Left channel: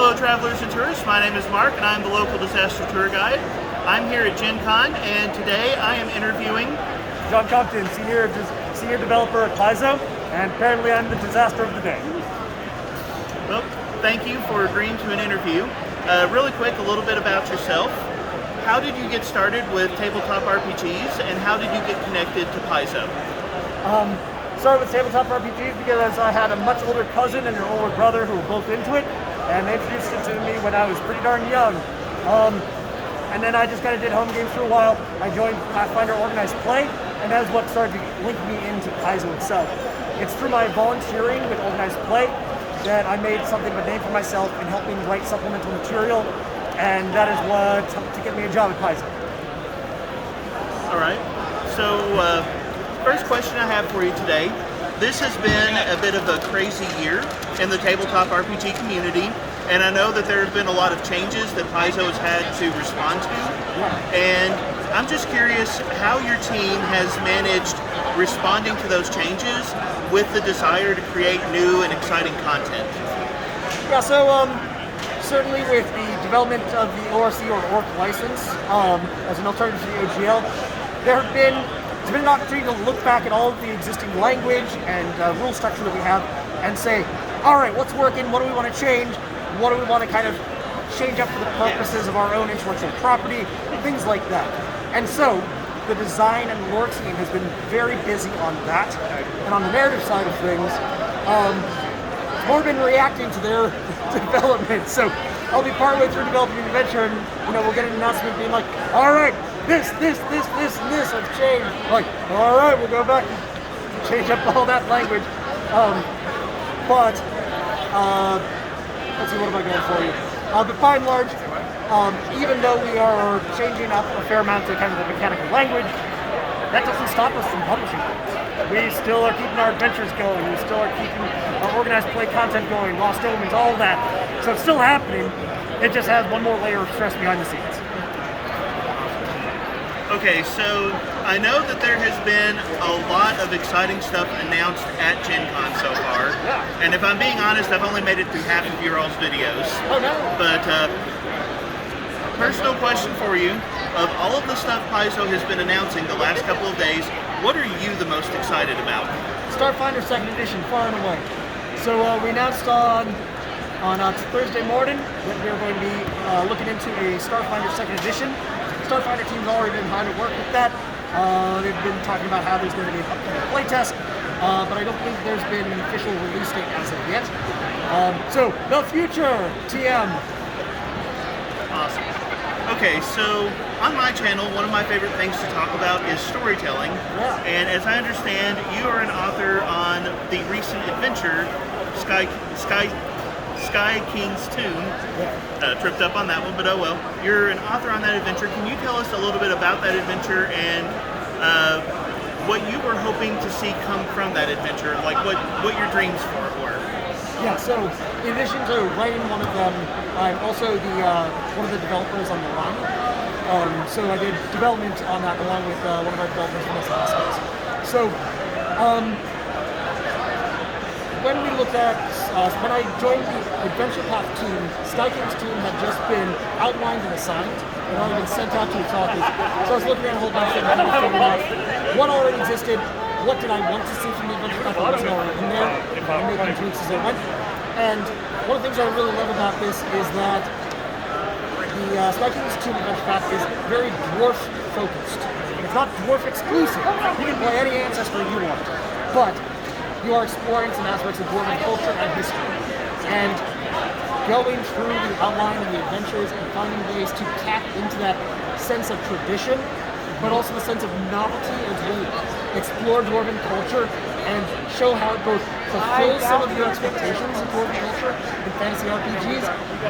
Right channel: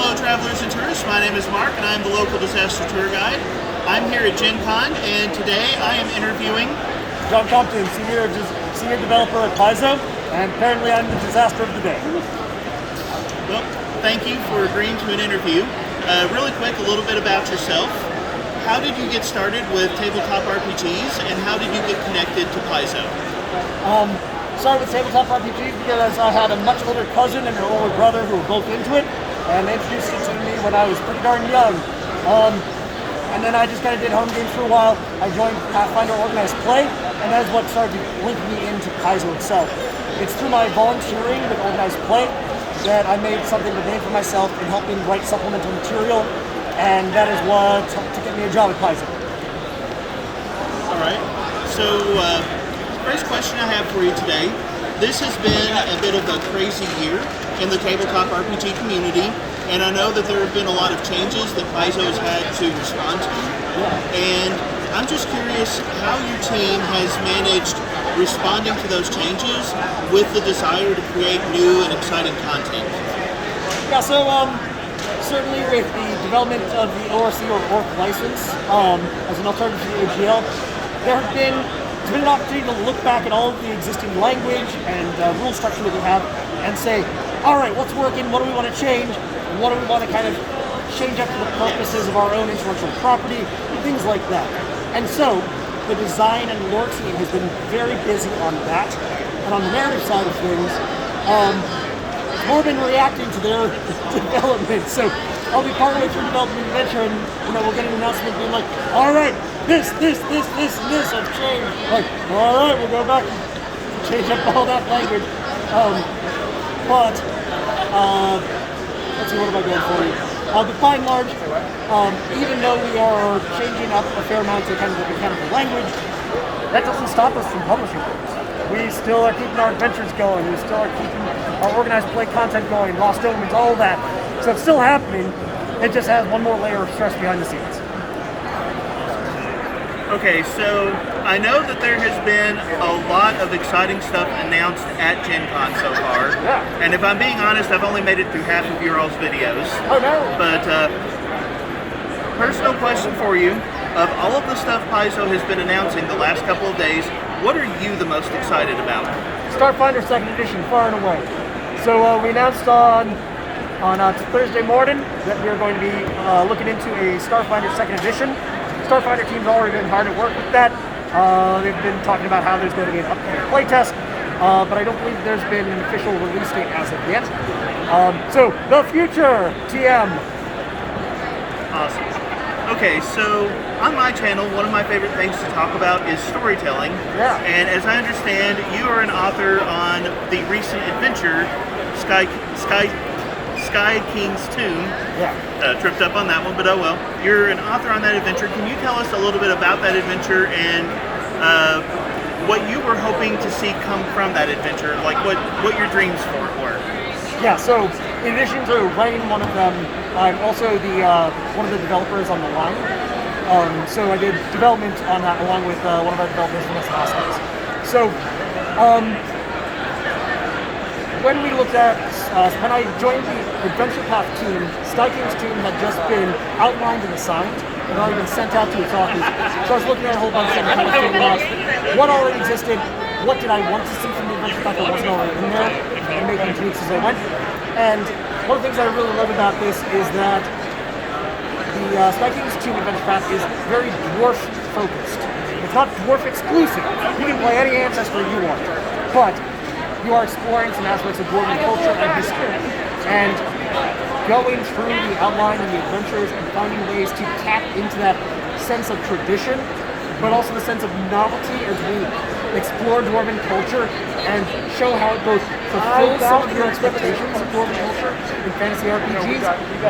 Hello travelers and tourists, my name is Mark and I'm the local disaster tour guide. I'm here at Gen Con and today I am interviewing John Compton, senior developer at Paizo, and apparently I'm the disaster of the day. Well, thank you for agreeing to an interview. Really quick, a little bit about yourself. How did you get started with tabletop RPGs and how did you get connected to Paizo? Started with tabletop RPGs because I had a much older cousin and an older brother who were both into it, and they introduced it to me when I was pretty darn young. And then I just kind of did home games for a while. I joined Pathfinder Organized Play, and that's what started linking me into Paizo itself. It's through my volunteering with Organized Play that I made something of a name for myself in helping write supplemental material, and that is what helped to get me a job at Paizo. All right, so first question I have for you today. This has been a bit of a crazy year in the tabletop RPG community, and I know that there have been a lot of changes that Paizo has had to respond to. Yeah. And I'm just curious how your team has managed responding to those changes with the desire to create new and exciting content. Yeah, so certainly with the development of the ORC or ORC license as an alternative to the OGL, it's been an opportunity to look back at all of the existing language and rule structure that we have and say, all right, what's working, what do we want to change, what do we want to kind of change up for the purposes of our own intellectual property, things like that. And so the design and lore team has been very busy on that. And on the narrative side of things, it's more been reacting to their development. So I'll be partway through developing an adventure and we'll get an announcement being like, all right, this have changed. Like, all right, we'll go back and change up all that language. Let's see, what am I going for you? But by and large, even though we are changing up a fair amount to kind of the mechanical language, that doesn't stop us from publishing books. We still are keeping our adventures going. We still are keeping our organized play content going, Lost Omens, all that. So it's still happening. It just has one more layer of stress behind the scenes. Okay, so I know that there has been a lot of exciting stuff announced at Gen Con so far. Yeah. And if I'm being honest, I've only made it through half of your all's videos. Oh no! But personal question for you, of all of the stuff Paizo has been announcing the last couple of days, what are you the most excited about? Starfinder 2nd Edition, far and away. So we announced on Thursday morning that we're going to be looking into a Starfinder 2nd Edition. Starfinder team's already been hard at work with that. They've been talking about how there's going to be an upcoming playtest, but I don't believe there's been an official release date as of yet. So, the future, TM. Awesome. Okay, so on my channel, one of my favorite things to talk about is storytelling. Yeah. And as I understand, you are an author on the recent adventure, Sky King's Tomb. Yeah. Tripped up on that one, but oh well. You're an author on that adventure. Can you tell us a little bit about that adventure and what you were hoping to see come from that adventure? Like what your dreams for it were? Yeah, so in addition to writing one of them, I'm also the one of the developers on the line. So I did development on that along with one of our developers from Hoskins. So when we looked at when I joined the Adventure Path team, Sky King's Tomb had just been outlined and assigned and already been sent out to its authors. So I was looking at a whole bunch of them, kind of figuring out what already existed, what did I want to see from the Adventure Path that wasn't already in there, and making tweaks as I went. And one of the things I really love about this is that the Sky King's Tomb Adventure Path is very dwarf focused. It's not dwarf exclusive. You can play any ancestor you want, but you are exploring some aspects of dwarven culture and history. And going through the outline and the adventures and finding ways to tap into that sense of tradition, but also the sense of novelty as we explore dwarven culture and show how it both fulfills some of your expectations of dwarven culture in fantasy RPGs,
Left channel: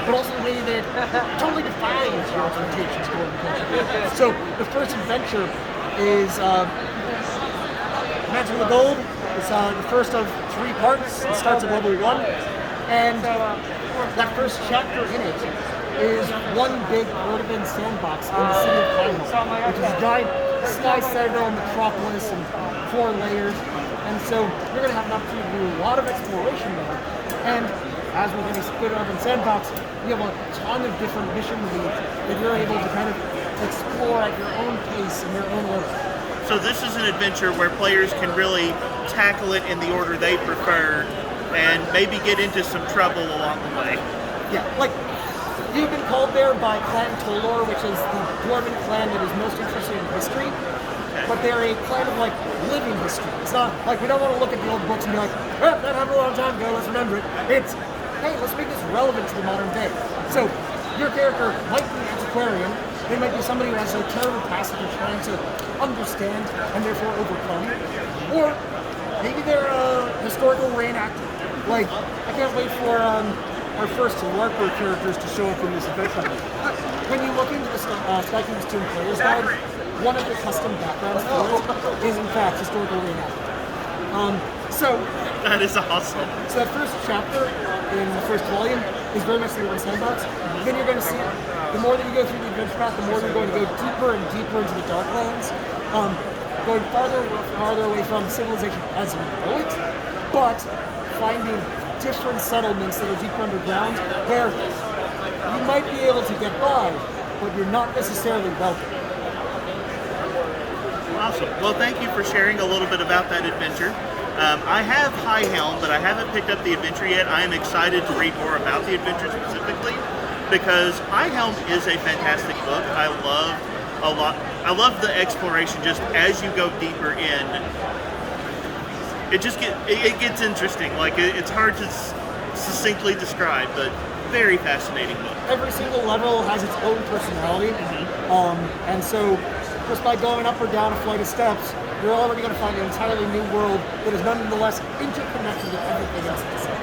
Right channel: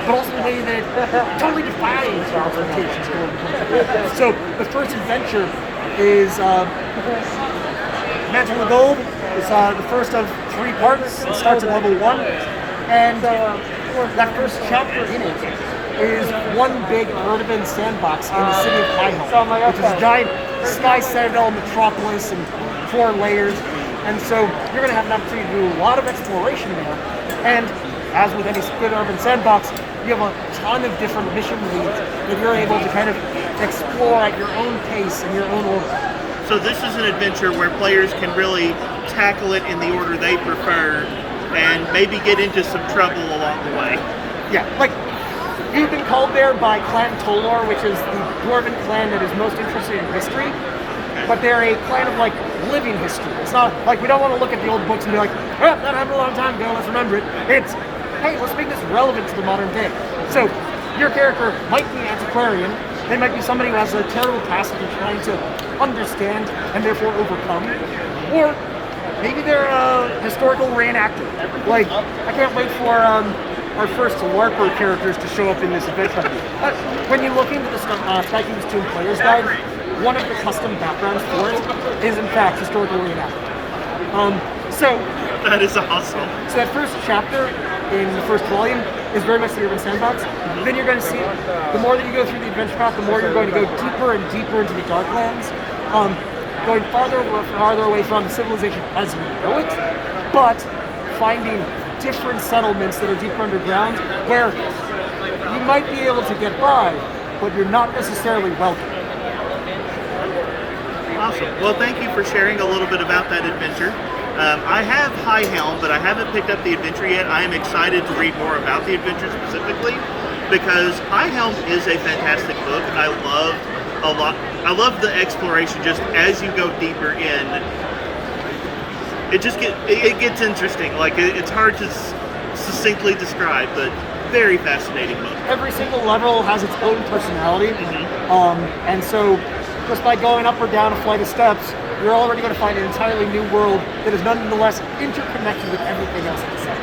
but also the way that it totally defies your expectations of dwarven culture. So the first adventure is Mantle of Gold. It's the first of 3 parts. It starts at level 1, and that first chapter in it is one big urban sandbox in the city of Paizo, which is a giant sky citadel metropolis and 4 layers. And so you're going to have an opportunity to do a lot of exploration there. And as with any good urban sandbox, you have a ton of different mission leads that you're able to kind of explore at your own pace in your own order. So this is an adventure where players can really tackle it in the order they prefer and maybe get into some trouble along the way. Yeah, like, you've been called there by Clan Tolor, which is the dwarven clan that is most interested in history, but they're a clan of, like, living history. It's not, like, we don't want to look at the old books and be like, well, that happened a long time ago, let's remember it. It's, hey, let's make this relevant to the modern day. So, your character might be an antiquarian, they might be somebody who has a terrible past that they're trying to understand and therefore overcome, or maybe they're a historical reenactor. Like, I can't wait for our first LARPer characters to show up in this adventure. When you look into the Sky King's Tomb Player's Guide, one of the custom backgrounds for it is, in fact, historical reenactment. So That is awesome. So that first chapter in the first volume is very much the urban sandbox. Then you're going to see, the more that you go through the adventure path, the more you're going to go deeper and deeper into the Darklands, going farther and farther away from civilization as you know it, but finding different settlements that are deeper underground where you might be able to get by, but you're not necessarily welcome. Awesome. Well, thank you for sharing a little bit about that adventure. I have High Helm, but I haven't picked up the adventure yet. I am excited to read more about the adventure specifically because High Helm is a fantastic book. I love the exploration just as you go deeper in. It gets interesting. Like it's hard to succinctly describe, but very fascinating book. Every single level has its own personality, and so just by going up or down a flight of steps, you're already going to find an entirely new world that is nonetheless interconnected with everything else in the set.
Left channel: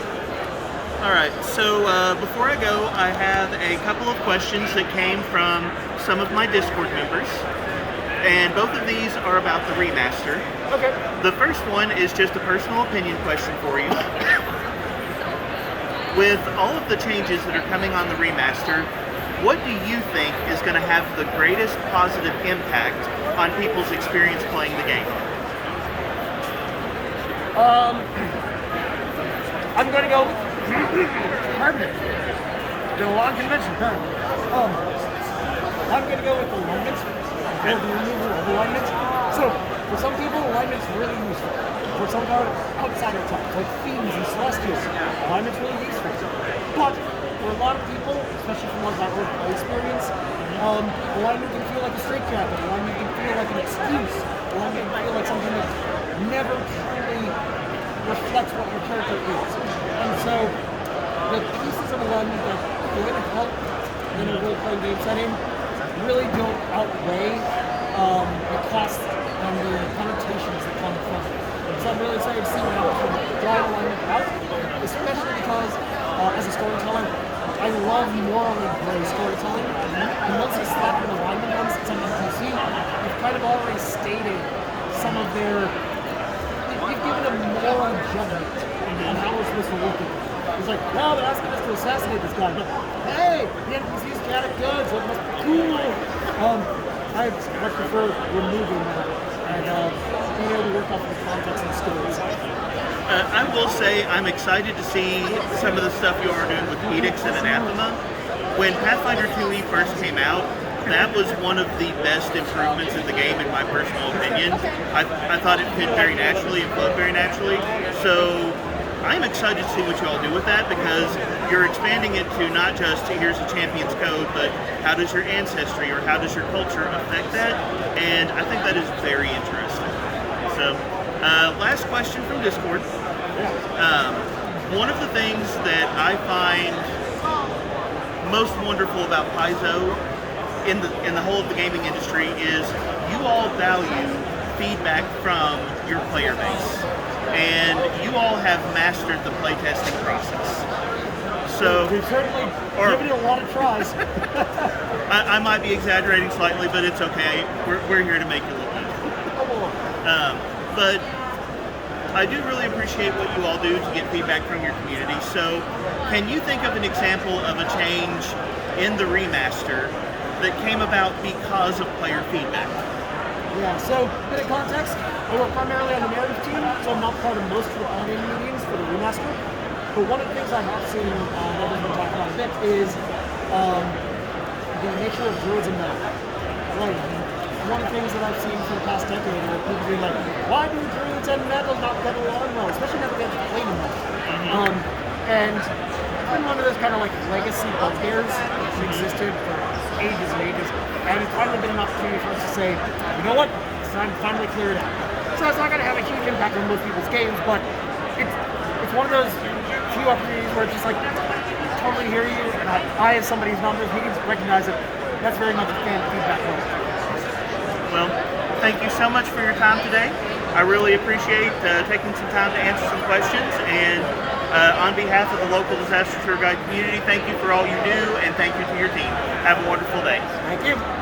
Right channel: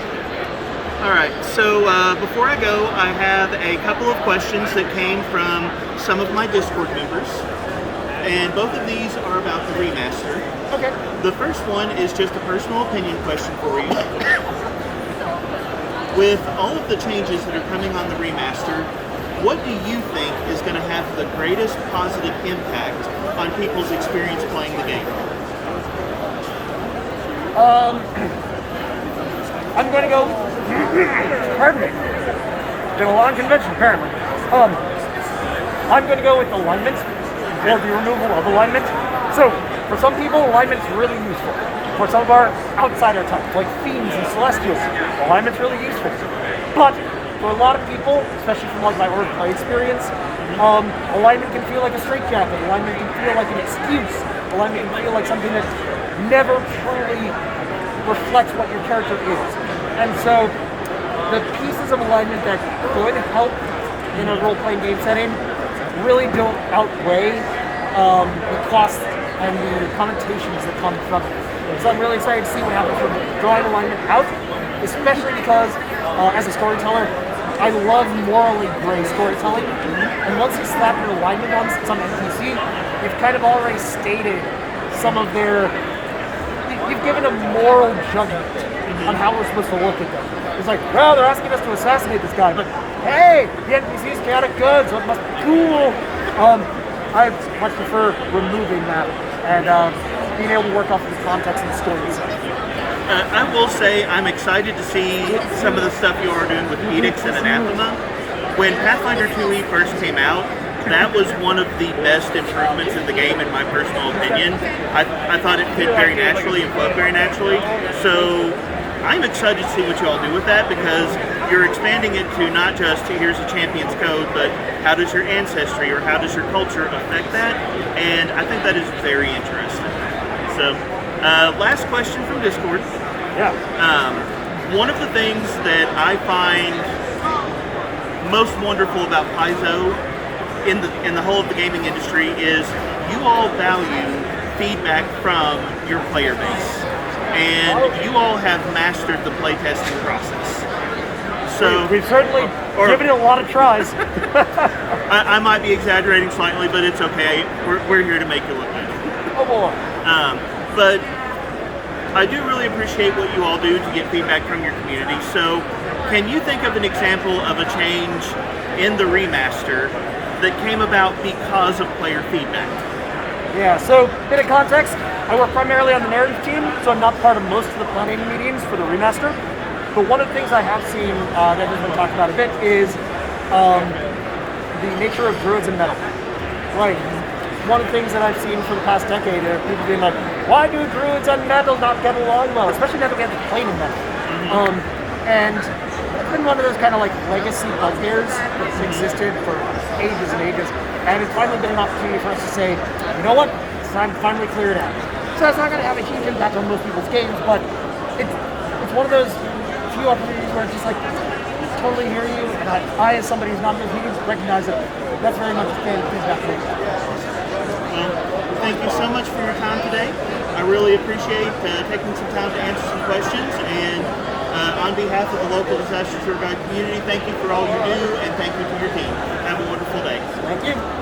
All right, so before I go, I have a couple of questions that came from some of my Discord members, and both of these are about the remaster. Okay. The first one is just a personal opinion question for you. With all of the changes that are coming on the remaster, what do you think is going to have the greatest positive impact on people's experience playing the game? I'm going to go. Pardon me. Been a long convention, apparently. I'm going to go with alignment, or the removal of alignment. So, for some people, alignment's really useful. For some of our outsider types, like fiends and celestials, alignment's really useful. But for a lot of people, especially from like my org play experience, alignment can feel like a straitjacket. Alignment can feel like an excuse. Alignment can feel like something that never truly reflects what your character is. And so, the pieces of alignment that could help in a role-playing game setting really don't outweigh the costs and the connotations that come from it. So I'm really excited to see what happens from drawing alignment out, especially because, as a storyteller, I love morally gray storytelling. And once you slap your alignment on some NPC, you've kind of already stated some of their... You've given a moral judgment on how we're supposed to look at them. It's like, well, they're asking us to assassinate this guy, but hey, the NPC's chaotic good, so it must be cool. I much prefer removing that and being able to work off of the context and the story itself. I will say I'm excited to see some of the stuff you are doing with Edicts and Anathema. When Pathfinder 2e first came out, that was one of the best improvements in the game, in my personal opinion. I thought it fit very naturally and flowed very naturally. So I'm excited to see what you all do with that, because you're expanding it to not just here's a champion's code, but how does your ancestry or how does your culture affect that? And I think that is very interesting. So, last question from Discord. Yeah. One of the things that I find most wonderful about Paizo in the whole of the gaming industry is you all value feedback from your player base, and you all have mastered the playtesting process. So we've certainly given it a lot of tries. I might be exaggerating slightly, but it's okay. We're here to make you look good. Oh boy. But I do really appreciate what you all do to get feedback from your community. So can you think of an example of a change in the remaster that came about because of player feedback? Yeah, so bit of context, I work primarily on the narrative team, so I'm not part of most of the planning meetings for the remaster. But one of the things I have seen that has been talked about a bit is the nature of druids and metal. Like, one of the things that I've seen for the past decade are people being like, why do druids and metal not get along well? Especially now that we have to play in metal. And it's been one of those kind of like legacy bugbears that's existed for ages and ages. And it's finally been an opportunity for us to say, you know what? It's time to finally clear it out. So it's not going to have a huge impact on most people's games, but it's one of those few opportunities where it's just like, totally hear you, and I as somebody who's not in those meetings, recognize that that's very much a fan feedback moment. Well, thank you so much for your time today. I really appreciate taking some time to answer some questions, and on behalf of the local disaster tour guide community, thank you for all you do, and thank you to your team. Have a wonderful day. Thank you.